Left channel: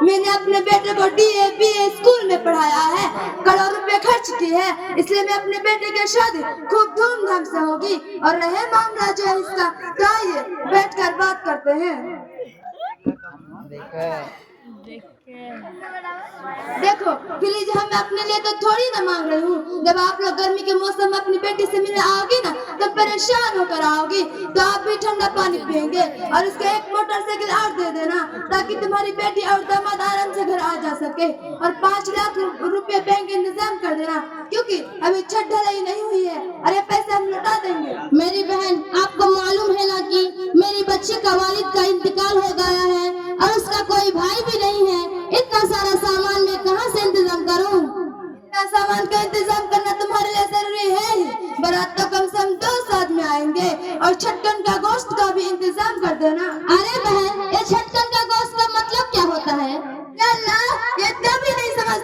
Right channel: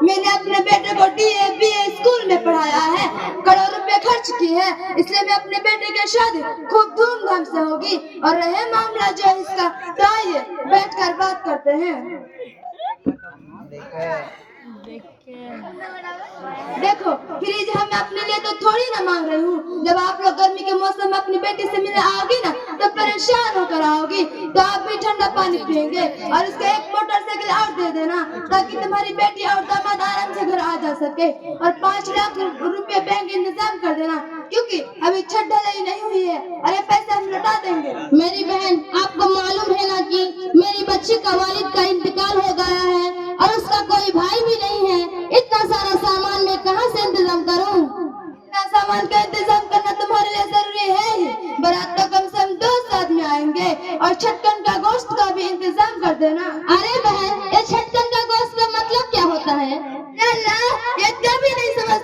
मैंने अपने बेटे को DAB स्कूल में पढ़ाया है, करोड़ रुपए खर्च किए हैं, इसलिए मैं अपने बेटे की शादी खूब धूमधाम से होगी। और रहे मामला जो है इसका, तो आइए बैठकर बात करते हैं। देखो फ्रिज हम अपने लिए तो थोड़ी ना मांग रही हूँ। जब आप लोग गर्मी के मौसम में अपनी बेटी से मिलने आओगी ना, तो परेशान होकर आओगी, तो आप भी ठंडा पानी पियेंगे। और इसका एक मोटरसाइकिल और दे देना, ताकि तुम्हारी बेटी और दामाद आराम से घर आ जा सके। और 5 लाख रुपए बैंक इंतजाम कर देना, क्योंकि अभी छठ ढलाई नहीं हुई है और ये पैसे हम लौटा देंगे। मेरी बहन, आपको मालूम है ना कि मेरी बच्ची का वालिद का इंतकाल हो गया है और उसका कोई भाई भी नहीं है। इतना सारा सामान मैं कहाँ से इंतजाम करूँ? इतना सामान का इंतजाम करना तुम्हारे लिए जरूरी है ही। बारात तो कम से कम 2 आदमी आएंगे, और छटकन का गोश्त का भी इंतजाम कर देना। अरे बहन, ये छटकन का गोश्त का मतलब क्या होता है? ये तभी नहीं समझ।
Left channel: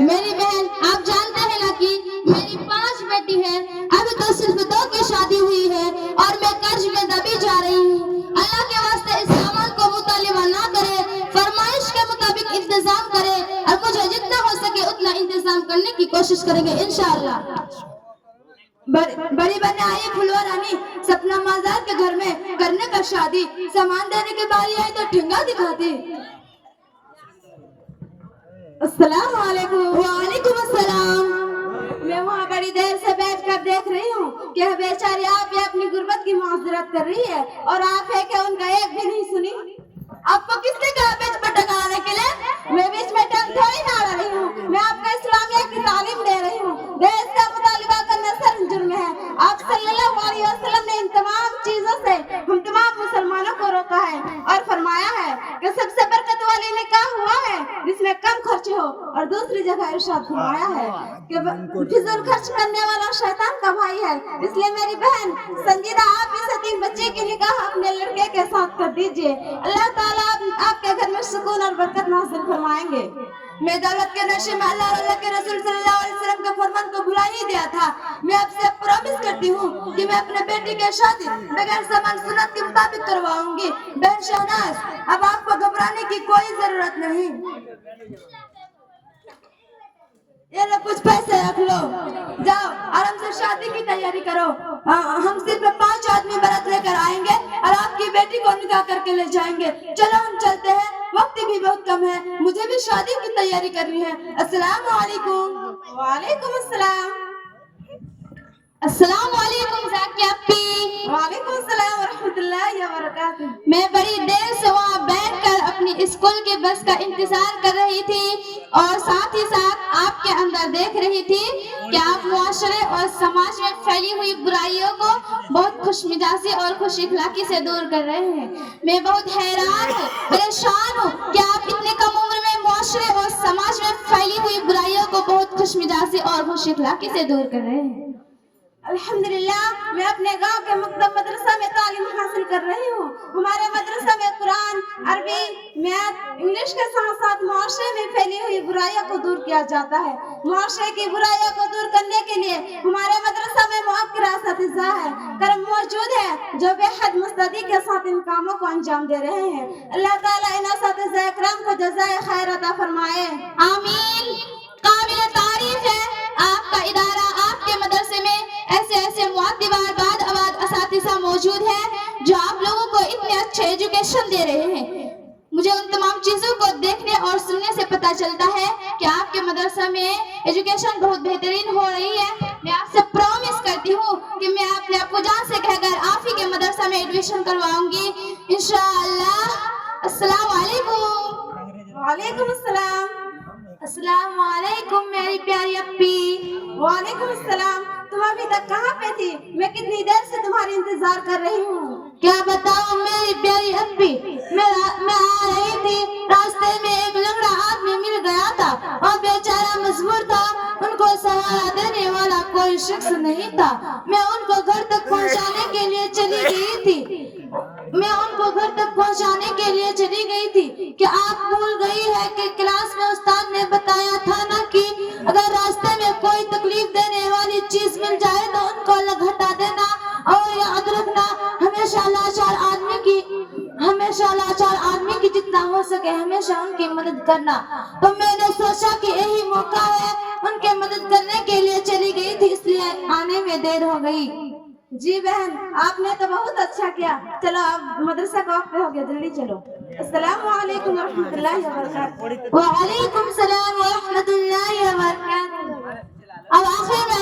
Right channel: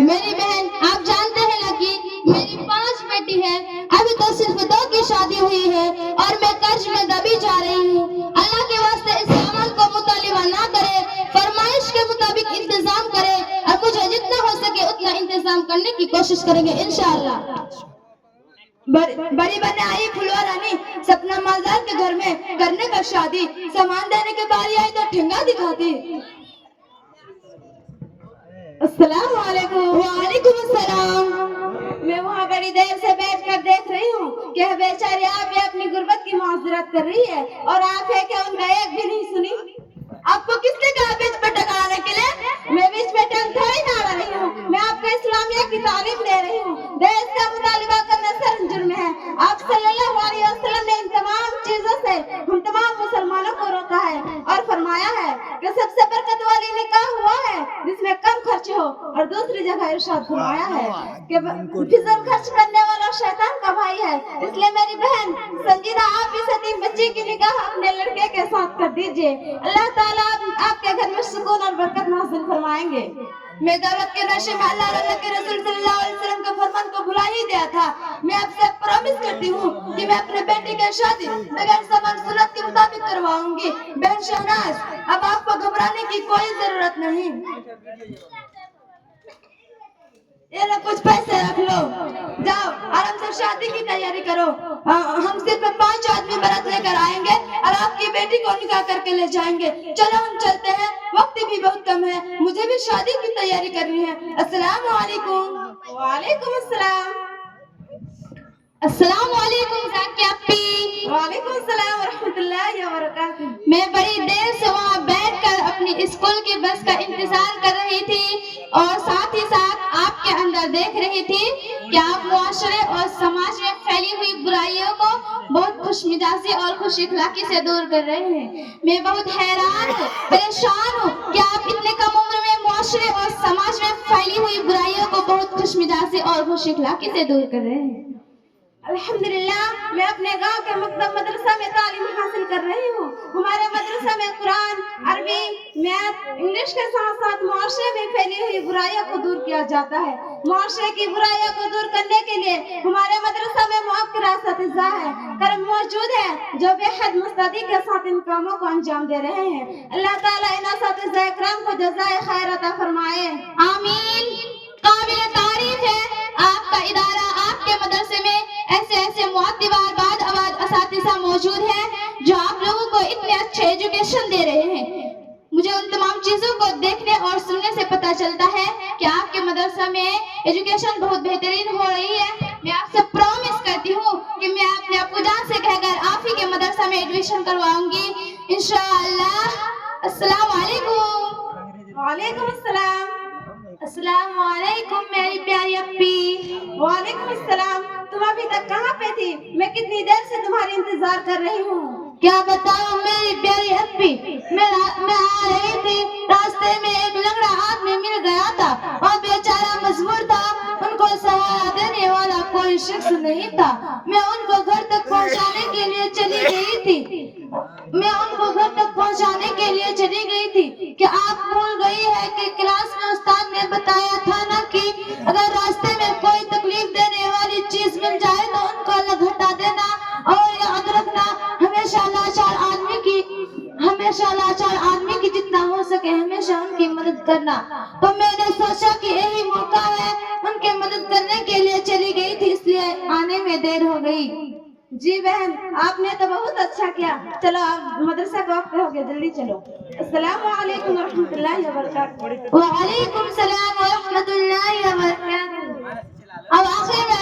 मेरी बहन, आप जानते हैं ना कि मेरी 5 बेटी है, अभी तो सिर्फ 2 की शादी हुई है और मैं कर्ज में दबी जा रही हूँ। अल्लाह के वास्ते इस सामान को मुतालिबा ना करे, फरमाइश के मुताबिक इंतजाम करे, और मुझे जितना हो सके उतना इंतजाम करने की कोशिश करेंगे इंशाअल्लाह। बड़ी बहन आई फुलवा रानी, सपना मालदार के घर में करने का शादी। सामान देने के बारी आई तो ठेंगा दिखाती। अस्सलाम वालेकुम। वालेकुम अस्सलाम। मैं वहाँ बड़ी देर से बैठ कर देख रही हूँ कि बेचारी आप ये अपनी गुर्बत की माजरत कर रही है, और आप है कि उनका एक भी नहीं सुनी। आपको किसने कहा बीच में टकराने के लिए? मैं बीच में टंग थोड़ी ना आ रही हूँ, मैं आपको इस्लामिया की तालीम दे रही हूँ। देश का मुतालिबा करना सर जुर्म है। आप सल्लल्लाहु अलैहि वसल्लम ने इन तमाम चीजों से हम तमाम मुसलमानों को रोका है और फरमाया है कि सबसे बरकत वाली निकाह हुआ है जिसमें कम खर्च हो, और दूसरी जगह इरशाद फरमाया है कि फिजूल खर्च करने वाला शैतान का भाई है। इसलिए मेरी बहन संजीदा, आप इस यतीम बच्चे की निकाह अपने लड़के के साथ कर दीजिए। अल्लाह ताला आपके घर में सुकून और बरकत नाज़िल फरमाएंगे। मैं दौलत के नशे में अल्लाह और अल्लाह के रसूल सल्लल्लाहु अलैहि वसल्लम का फरमान को भुला ही दिया था। मैं आपसे प्रॉमिस करती हूँ कि मैं अपने बेटे की शादी बगैर समान सुन्नत के मुताबिक करवाऊंगी। बहन शहनाज, अब आपको घबराने की कोई जरूरत नहीं। ये लो कुछ पैसे रख लो, जाओ आराम से शादी की तैयारी करो। हम सिर्फ 5 आदमी बारात लेकर आएंगे और आपकी बेटी को निकाह करके ले जाएंगे। चलो हम चलते हैं, वक्त भी बहुत कम है, मुझे भी शादी की तैयारी करनी है। अस्सलाम वालेकुम। वालेकुम अस्सलाम। अस्सलाम वालेकुम ज़ाकिया अपी। वालेकुम अस्सलाम व रहमतुल्लाहि व बरकातुहू। मैं बड़ी देर से वहाँ बैठकर अपनी स्कूल की बस का इंतजार कर रही थी, और साथ ही साथ आपके अंदर देख रही थी कि आप मुआशरे और समाज में फैली हुई बुराइयों को बहुत खुशमिजाजी और खुश इखलाकी से दूर कर रहे हैं। मैं बहुत हैरान हूँ, परेशान हूँ कि आप इतने कम उम्र में मुआशरे और समाज में फैली हुई बुराइयों को बहुत खुशमिजाजी और खुश इखलाकी से दूर कर रहे हैं। अल्हम्दुलिल्लाह, मैं अपने गांव के मकतब मदरसा में तालीम हासिल कर रही हूँ। हमारे मदरसा में कुरान, अरबी, मैथ, इंग्लिश के साथ साथ मुआशरे में फैली हुई बुराइयों को दूर किया जाता है। मुआशरे की बुराइयों को दूर करने के लिए हमारे मदरसा में मुअक्किर असातिज़ा है, करम मौजूद है, जो बेहद मुस्तैदी के साथ इन कामों को अंजाम दे रहे हैं। अल्लाह ताला इन असातिज़ा इकराम को जज़ाए खैर अता फरमाए। आमीन। काबिल तारीफ है आपका इदारा, आपके मदरसे में ऐसे मुअद्दिबार बाद आबाद असातिज़ा मौजूद हैं जो आप लोगों को इतने अच्छे एजुकेशन दे रहे हैं। मुझे उन तमाम चीज़ों को देखने और सुनने से पता चलता है कि आपके मदरसा में एजुकेशन बहुत बेहतरीन हो रही है। मैं आपसे प्रॉमिस करती हूँ कि मैं अपने अब्बू जान से कहकर आप ही के मदरसा में एडमिशन करवाऊंगी इंशाअल्लाह। अस्सलाम वालेकुम। वालेकुम अस्सलाम। अस्सलाम वालेकुम मेरी प्यारी अप्पी। वालेकुम अस्सलाम। तुम अभी तक कहाँ पे थी? मैं कितनी देर से तुम्हारी इंतजार कर रही हूँ। क्या बताऊँ मेरी प्यारी अप्पी, मैं आ रही थी, रास्ते में एक लंगड़ा आदमी मिल गया था और बेचारा मजबूर था, उनको सहारा देने वाला कोई शख्स नहीं था। मैं उनको घर तक पहुँचाने के लिए चली गई थी कि आप भूल गई है कि क्लास में उस्ताद ने बताया था ना कि अगर रास्ते में कोई तकलीफ देने वाली चीज मिल जाए तो उनको अलग हटा देना, और याद रखना हमेशा लाचार आदमी की हमेशा लाचार आदमी की जितना हो सके हमेशा उनकी मदद करना। तो मैंने सोचा कि यही मौका है, उनके मदद करने के लिए चली गई थी, इसलिए आने में देर हो गई। जी बहन, आपने तो बहुत अच्छा किया। चलो आप मदरसा का वक्त हो गया, जल्दी चलो। अस्सलामु अलैकुम वरहमतुल्लाहि वबरकातुहू। वालेकुम सलाम व रहमतुल्लाहि व बरकातहू। अब आखिर में